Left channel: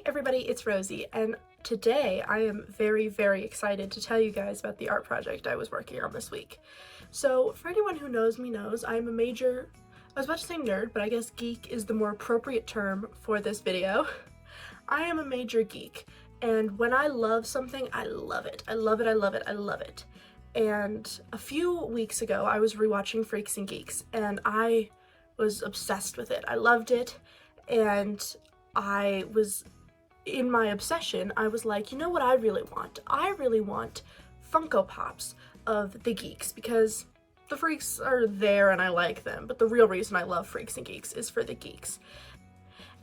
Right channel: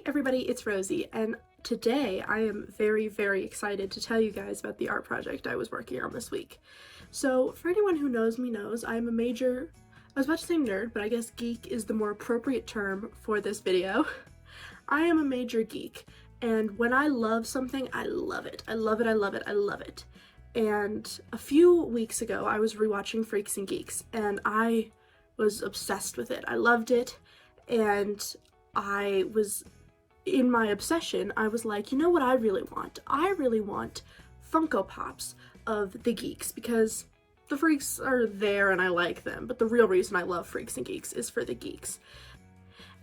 Hey everybody, it's Rosie, and today I am very excited to tell you guys about the art project I was working on this week. So for anyone who knows me knows, I'm a major, I was about to say nerd, but I guess geek is the more appropriate term for this video. I am a major geek, and when I love something, I love it. I love it, I love it, I love it. And a few weeks ago, I was rewatching Freaks and Geeks, and I was obsessed with it. I loved it, and I was, in my obsession, I was like, you know what I really want? I really want Funko Pops of the Geeks, because the Freaks are there and I like them, but the real reason I love Freaks and Geeks is for the Geeks.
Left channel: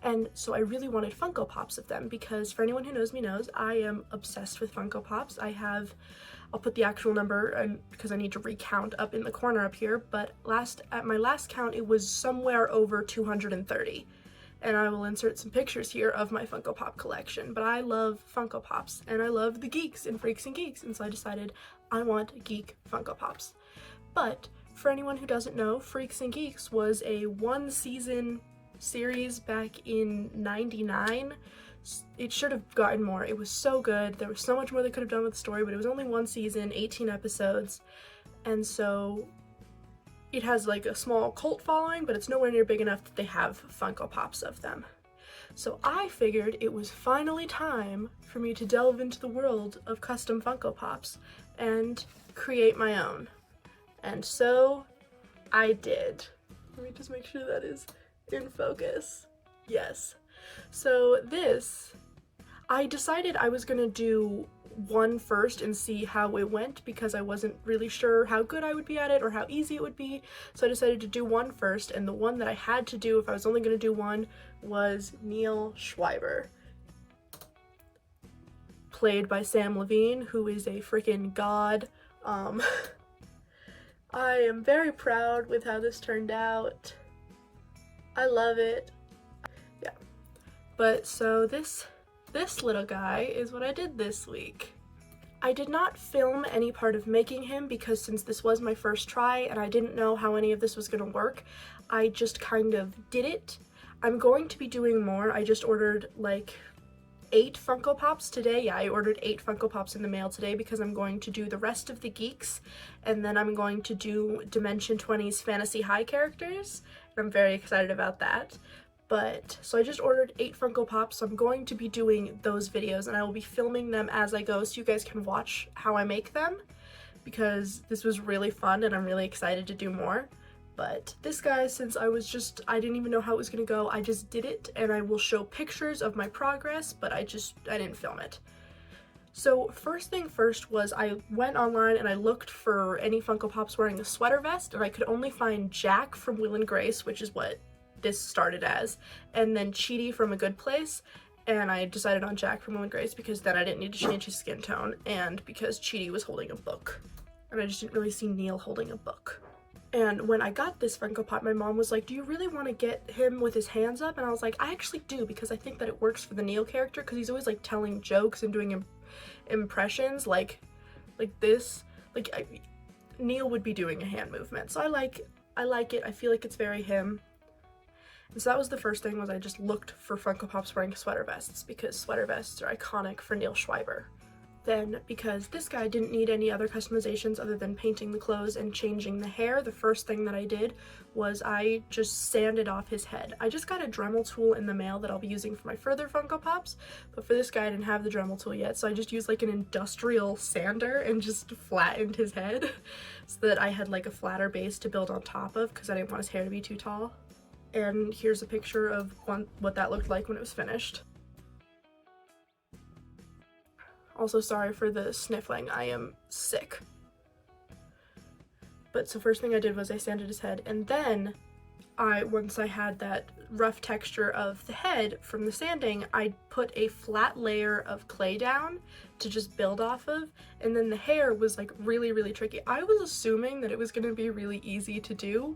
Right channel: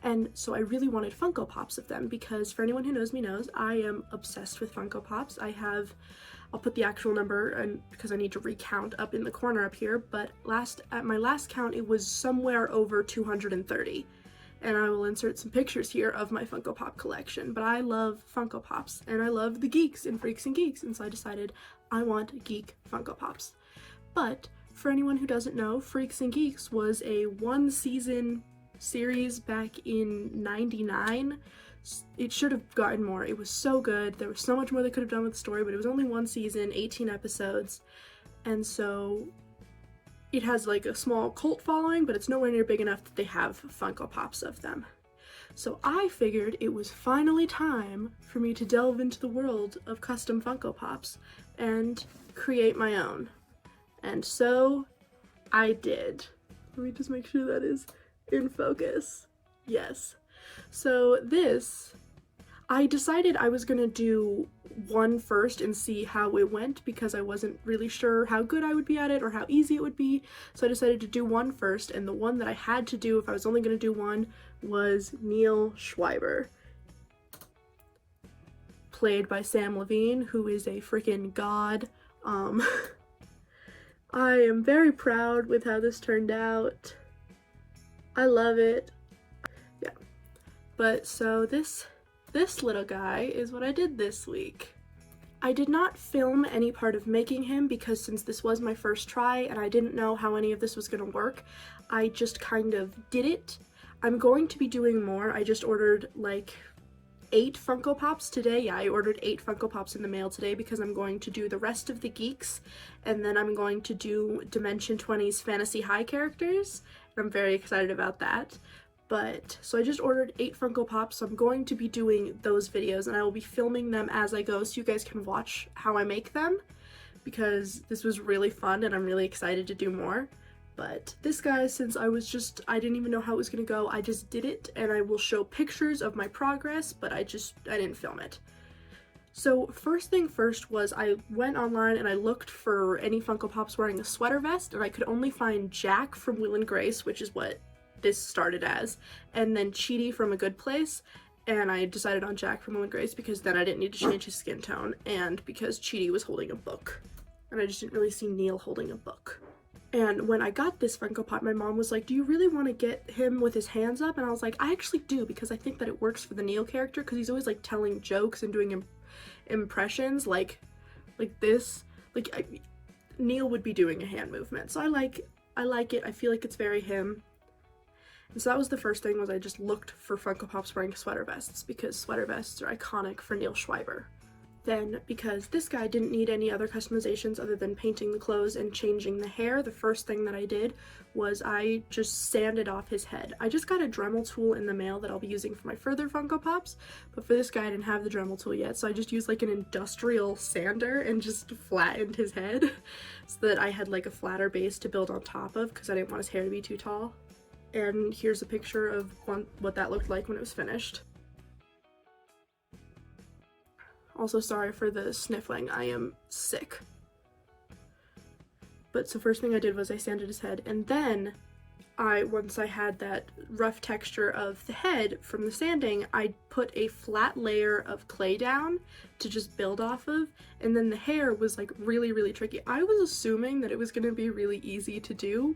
And so I really wanted Funko Pops of them because, for anyone who knows me knows, I am obsessed with Funko Pops. I'll put the actual number, and because I need to recount, up in the corner up here, but at my last count it was somewhere over 230. And I will insert some pictures here of my Funko Pop collection. But I love Funko Pops, and I love the Geeks and Freaks and Geeks, and so I decided I want geek Funko Pops. But for anyone who doesn't know, Freaks and Geeks was a one-season series back in '99. It should have gotten more. It was so good. There was so much more they could have done with the story, but it was only one season, 18 episodes, and so it has like a small cult following, but it's nowhere near big enough that they have Funko Pops of them. So I figured it was finally time for me to delve into the world of custom Funko Pops and create my own. And so I did. Let me just make sure that is in focus. Yes. So I decided I was gonna do one first and see how it went because I wasn't really sure how good I would be at it or how easy it would be. So I decided to do one first, and the one that I had to do if I was only gonna do one was Neal Schweiber, played by Sam Levine, who is a freaking god. I am very proud with how this turned out. I love it. Yeah. But so this little guy is what I did this week. I did not film any part of making him because since this was my first try and I didn't know how any of this was gonna work, I just kind of did it. I'm going to be doing more. I just ordered like 8 Funko Pops today. Yeah, I ordered 8 Funko Pops in the mail today because I'm going to do the rest of the Geeks, and then I'm going to do Dimension 20's Fantasy High characters, and I'm very excited about that. But, so I just ordered 8 Funko Pops, so I'm going to be doing those videos, and I will be filming them as I go so you guys can watch how I make them, because this was really fun and I'm really excited to do more. But this guy, since I didn't even know how it was gonna go, I just did it, and I will show pictures of my progress, but I didn't film it. So first thing first was I went online and I looked for any Funko Pops wearing a sweater vest, and I could only find Jack from Will and Grace, which is what this started as, and then Cheaty from A Good Place, and I decided on Jack from Will and Grace because then I didn't need to change his skin tone, and because Cheaty was holding a book, and I just didn't really see Neal holding a book. And when I got this Funko Pop, my mom was like, do you really want to get him with his hands up? And I was like, I actually do, because I think that it works for the Neal character, because he's always like telling jokes and doing impressions like this. Like Neal would be doing a hand movement, so I like it. I feel like it's very him. And so that was the first thing, was I just looked for Funko Pops wearing sweater vests because sweater vests are iconic for Neal Schweiber. Then, because this guy didn't need any other customizations other than painting the clothes and changing the hair, the first thing that I did was I just sanded off his head. I just got a Dremel tool in the mail that I'll be using for my further Funko Pops, but for this guy I didn't have the Dremel tool yet, so I just used like an industrial sander and just flattened his head so that I had like a flatter base to build on top of because I didn't want his hair to be too tall. And here's a picture of what that looked like when it was finished. Also, sorry for the sniffling, I am sick. But so first thing I did was I sanded his head, and then once I had that rough texture of the head from the sanding, I put a flat layer of clay down to just build off of, and then the hair was like really tricky. I was assuming that it was gonna be really easy to do.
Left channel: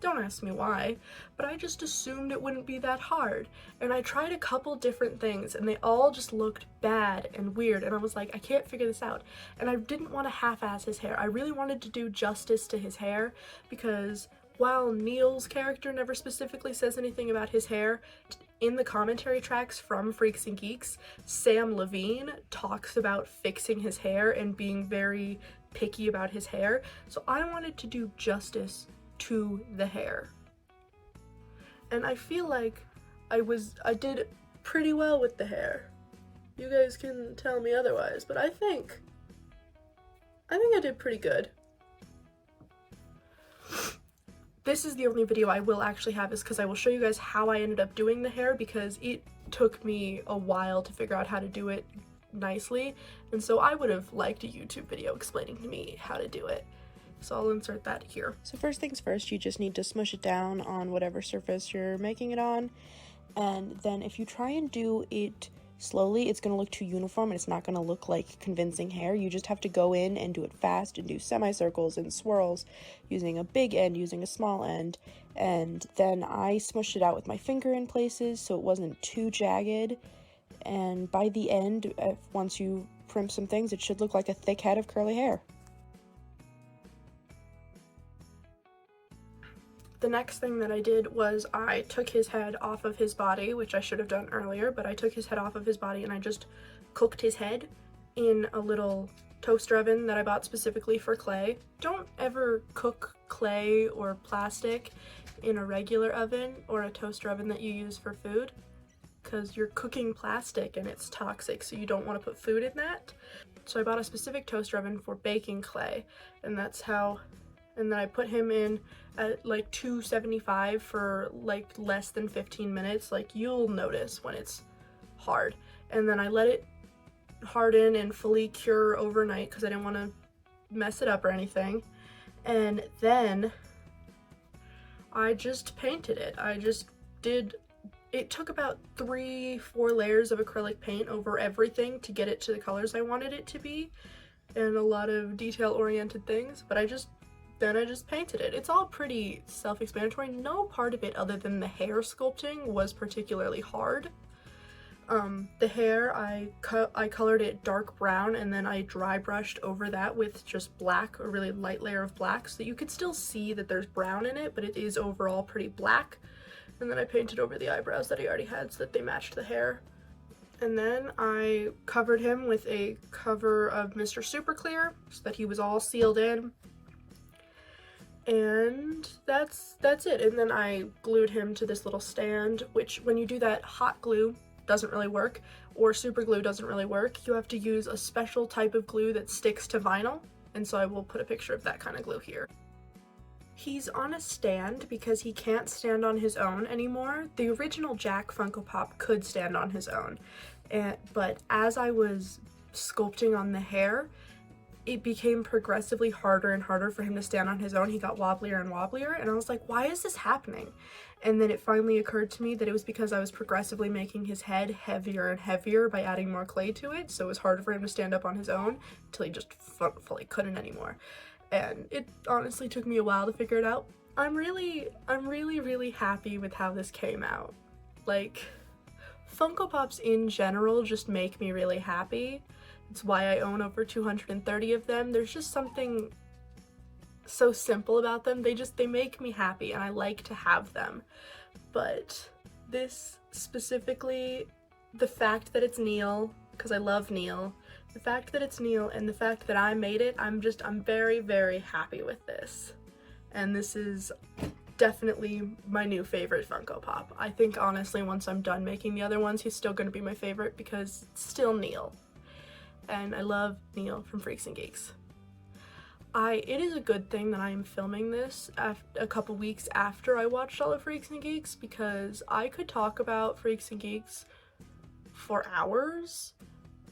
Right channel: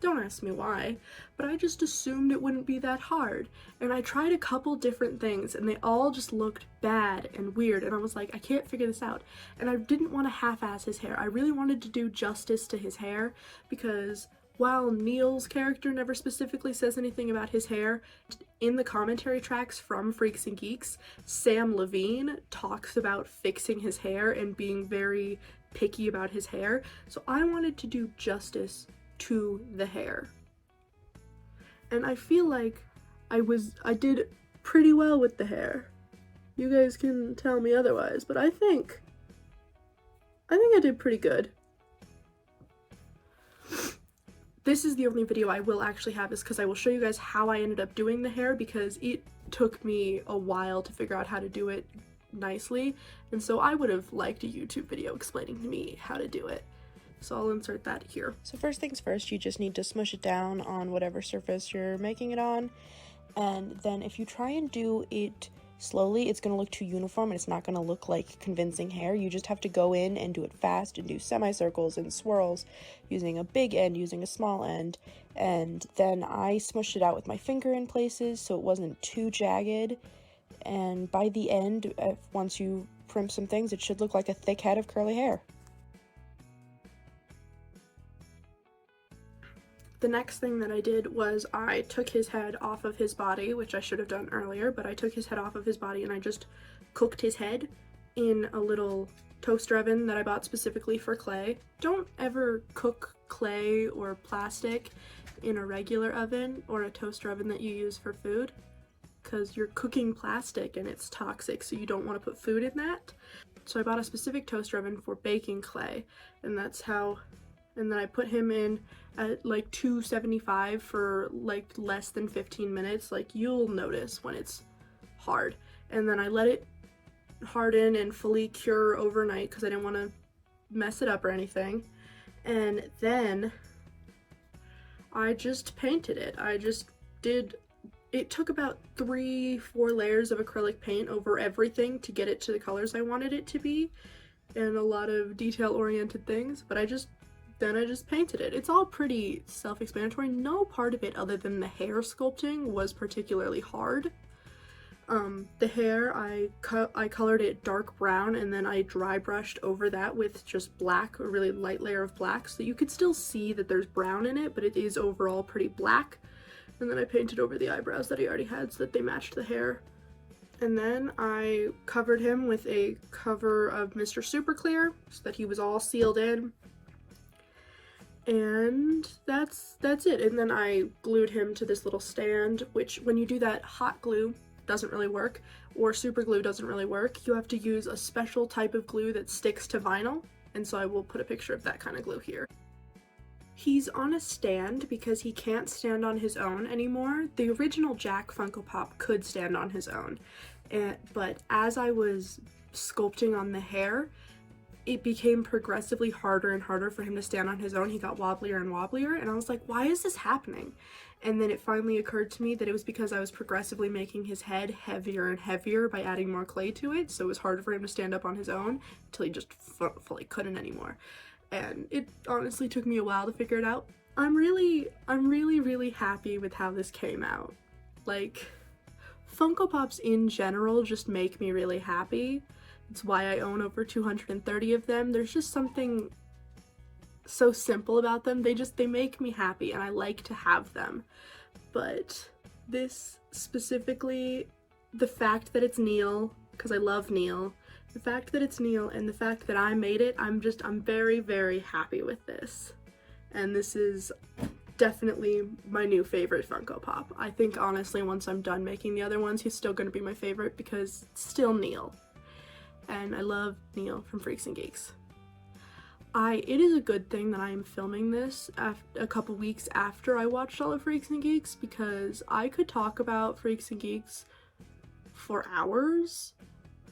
Don't ask me why, but I just assumed it wouldn't be that hard. And I tried a couple different things and they all just looked bad and weird, and I was like, I can't figure this out. And I didn't want to half-ass his hair. I really wanted to do justice to his hair because while Neal's character never specifically says anything about his hair, in the commentary tracks from Freaks and Geeks, Sam Levine talks about fixing his hair and being very picky about his hair, so I wanted to do justice to the hair. And I feel like I did pretty well with the hair. You guys can tell me otherwise, but I think I did pretty good. This is the only video I will actually have, is because I will show you guys how I ended up doing the hair, because it took me a while to figure out how to do it nicely, and so I would have liked a YouTube video explaining to me how to do it. So I'll insert that here. So first things first, you just need to smush it down on whatever surface you're making it on, and then if you try and do it slowly, it's going to look too uniform and it's not going to look like convincing hair. You just have to go in and do it fast and do semicircles and swirls using a big end, using a small end, and then I smushed it out with my finger in places so it wasn't too jagged, and by the end, once you primp some things, it should look like a thick head of curly hair. The next thing that I did was I took his head off of his body, which I should have done earlier, but I took his head off of his body and I just cooked his head in a little toaster oven that I bought specifically for clay. Don't ever cook clay or plastic in a regular oven or a toaster oven that you use for food, because you're cooking plastic and it's toxic, so you don't want to put food in that. So I bought a specific toaster oven for baking clay, and then I put him in at like 275 for like less than 15 minutes. Like, you'll notice when it's hard. And then I let it harden and fully cure overnight because I didn't want to mess it up or anything. And then I just painted it. It took about 3-4 layers of acrylic paint over everything to get it to the colors I wanted it to be, and a lot of detail-oriented things, but then I just painted it. It's all pretty self-explanatory. No part of it other than the hair sculpting was particularly hard. The hair, I colored it dark brown, and then I dry brushed over that with just black, a really light layer of black, so that you could still see that there's brown in it, but it is overall pretty black. And then I painted over the eyebrows that he already had so that they matched the hair. And then I covered him with a cover of Mr. Super Clear so that he was all sealed in. And that's it. And then I glued him to this little stand, which when you do that, hot glue doesn't really work, or super glue doesn't really work. You have to use a special type of glue that sticks to vinyl, and so I will put a picture of that kind of glue here. He's on a stand because he can't stand on his own anymore. The original Jack Funko Pop could stand on his own, but as I was sculpting on the hair, it became progressively harder and harder for him to stand on his own. He got wobblier and wobblier, and I was like, why is this happening? And then it finally occurred to me that it was because I was progressively making his head heavier and heavier by adding more clay to it, so it was harder for him to stand up on his own until he just fully couldn't anymore. And it honestly took me a while to figure it out. I'm really happy with how this came out. Like, Funko Pops in general just make me really happy. It's why I own over 230 of them. There's just something so simple about them. They make me happy, and I like to have them. But this specifically, the fact that it's Neal, because I love Neal, the fact that it's Neal and the fact that I made it, I'm very, very happy with this. And this is definitely my new favorite Funko Pop. I think honestly once I'm done making the other ones, he's still going to be my favorite because it's still Neal. And I love Neal from Freaks and Geeks. It is a good thing that I am filming this a couple weeks after I watched all of Freaks and Geeks, because I could talk about Freaks and Geeks for hours.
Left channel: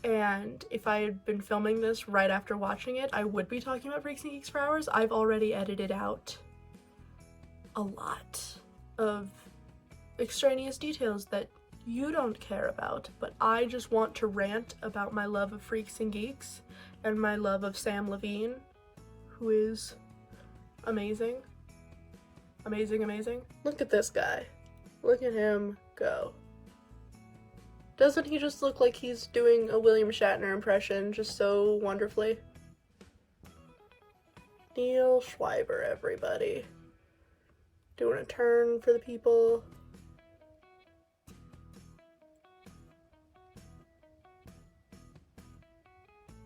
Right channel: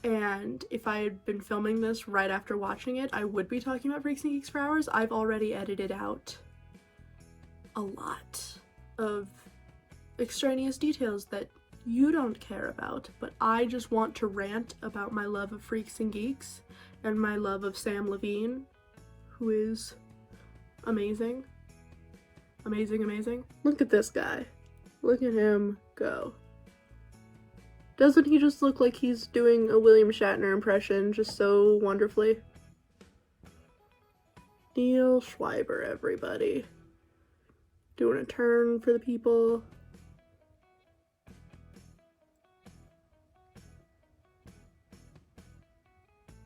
And if I had been filming this right after watching it, I would be talking about Freaks and Geeks for hours. I've already edited out a lot of extraneous details that you don't care about, but I just want to rant about my love of Freaks and Geeks and my love of Sam Levine, who is amazing. Amazing, amazing. Look at this guy. Look at him go. Doesn't he just look like he's doing a William Shatner impression just so wonderfully? Neal Schweiber, everybody. doing a turn for the people.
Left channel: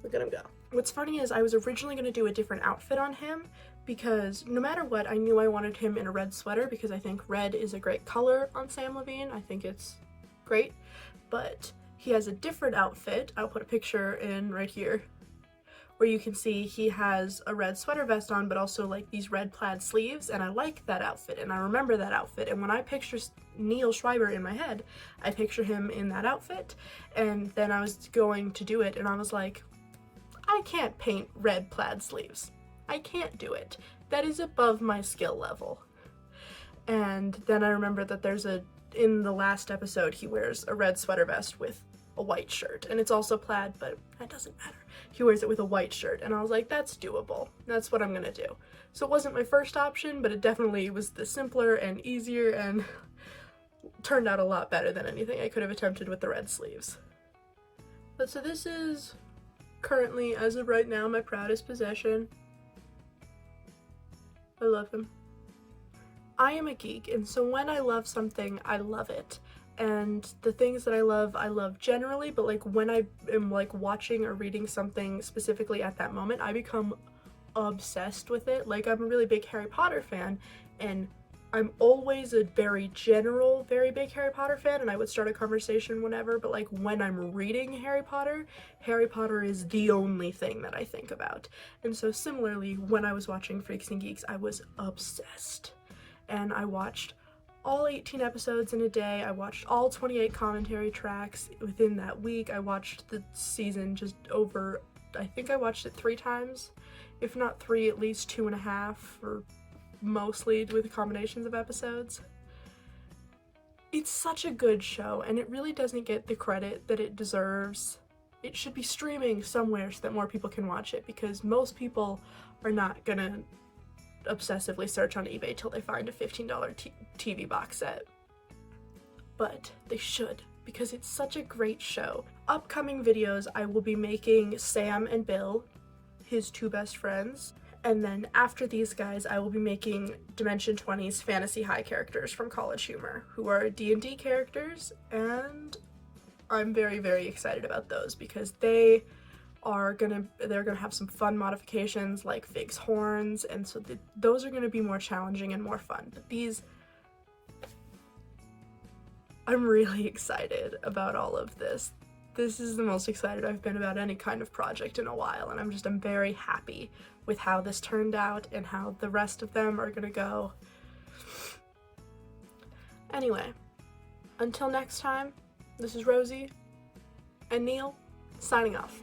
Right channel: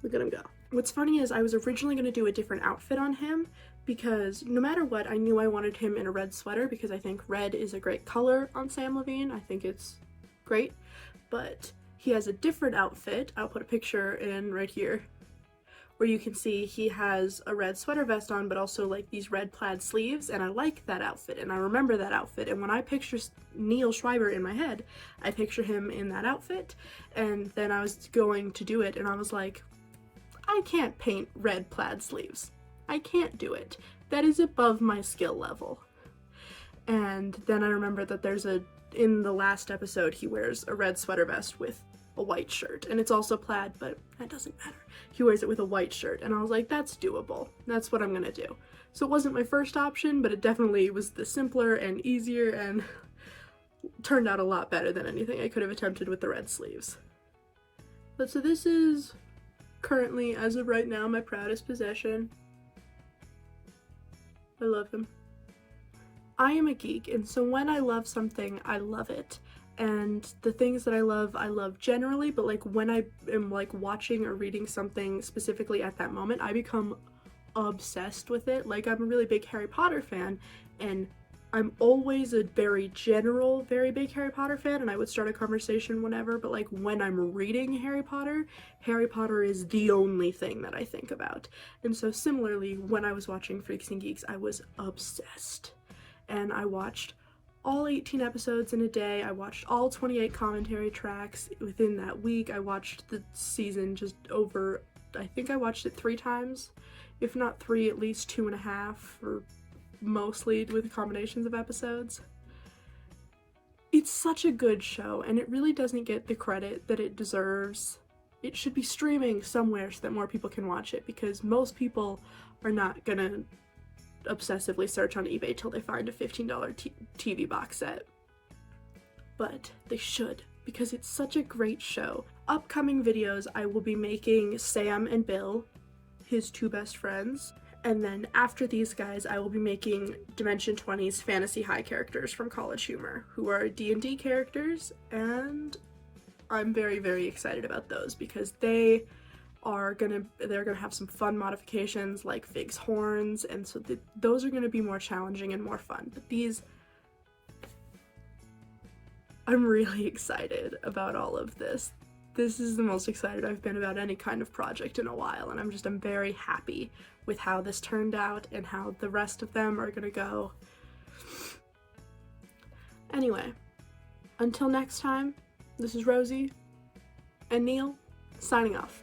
Look at him go. What's funny is I was originally going to do a different outfit on him because no matter what, I knew I wanted him in a red sweater because I think red is a great color on Sam Levine. I think it's great, but he has a different outfit. I'll put a picture in right here where you can see he has a red sweater vest on, but also like these red plaid sleeves, and I like that outfit and I remember that outfit, and when I picture Neal Schweiber in my head, I picture him in that outfit. And then I was going to do it and I was like, I can't paint red plaid sleeves. I can't do it. That is above my skill level. And then I remember that in the last episode, he wears a red sweater vest with a white shirt, and it's also plaid, but that doesn't matter. He wears it with a white shirt, and I was like, that's doable. That's what I'm gonna do. So it wasn't my first option, but it definitely was the simpler and easier, and turned out a lot better than anything I could have attempted with the red sleeves. But so this is currently, as of right now, my proudest possession. I love him. I am a geek, and so when I love something, I love it. And the things that I love generally, but like when I am like watching or reading something specifically at that moment, I become obsessed with it. Like, I'm a really big Harry Potter fan, and I'm always a very general, very big Harry Potter fan, and I would start a conversation whenever, but like when I'm reading Harry Potter is the only thing that I think about. And so similarly, when I was watching Freaks and Geeks, I was obsessed. And I watched all 18 episodes in a day. I watched all 28 commentary tracks within that week. I watched the season just over, I think I watched it 3 times. If not 3, at least 2.5, or mostly with combinations of episodes. It's such a good show, and it really doesn't get the credit that it deserves. It should be streaming somewhere so that more people can watch it, because most people are not gonna obsessively search on eBay till they find a $15 TV box set. But they should, because it's such a great show. Upcoming videos, I will be making Sam and Bill, his 2 best friends. And then after these guys, I will be making Dimension 20's Fantasy High characters from College Humor, who are D&D characters, and I'm very, very excited about those because they're gonna have some fun modifications like Fig's horns, and so those are gonna be more challenging and more fun. But these, I'm really excited about all of this. This is the most excited I've been about any kind of project in a while, and I'm very happy with how this turned out and how the rest of them are gonna go. Anyway, until next time, this is Rosie and Neal, signing off.